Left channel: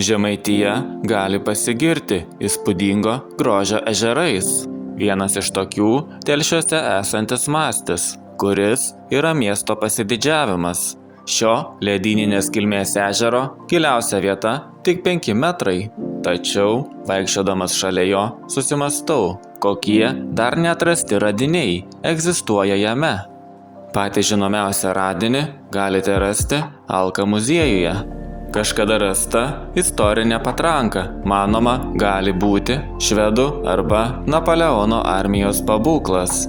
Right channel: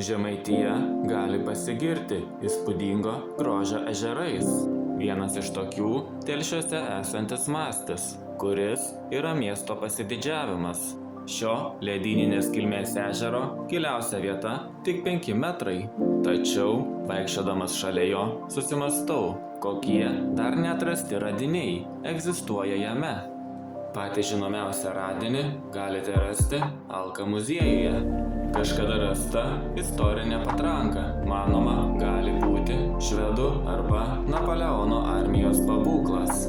Žemaitija gali pasigirti įspūdingo grožio ežerais. Vienas iš tokių Telšiuose esantis Mastis, kuris yra miesto pasididžiavimas. Šio ledyninės kilmės ežero giliausia vieta tik 5 metrai. Tačiau, vaikščiodamas šalia jo, susimastau, kokie dar neatrasti radiniai egzistuoja jame. Patį žinomiausią radinį galite rasti Alka muziejuje. Kažkada rasta istorinė patranka, manoma, gali būti švedų arba Napoleono armijos pabūklas.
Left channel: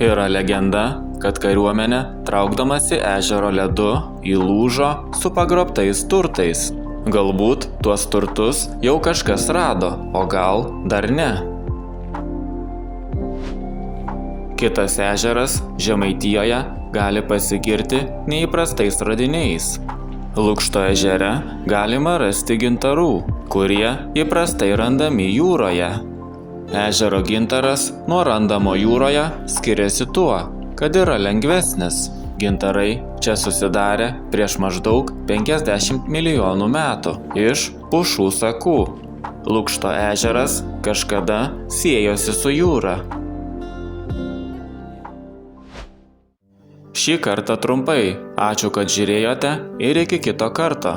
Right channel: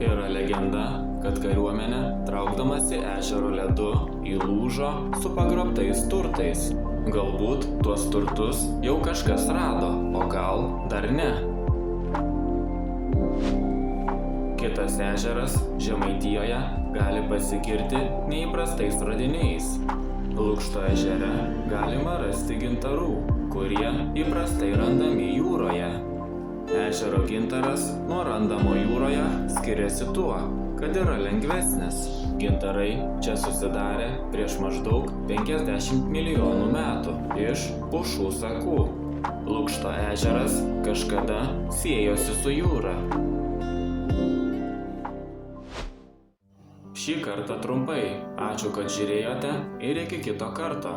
Yra legenda, kad kariuomenė, traukdamasi ežero ledu, įlūžo su pagrobtais turtais. Galbūt tuos turtus jau kažkas rado, o gal dar ne. Kitas ežeras Žemaitijoje gali pasigirti neįprastais radiniais. Lukšto ežere galima rasti gintarų, kurie įprastai randami jūroje. Ežero gintaras nuo randamo jūroje skiriasi tuo, kad yra lengvesnis. Gintarai čia susidarė prieš maždaug 50 milijonų metų iš pušų sakų. Lukšto ežeras kažkada siejosi su jūra. Šį kartą trumpai. Ačiū, kad žiūrėjote ir iki kito karto.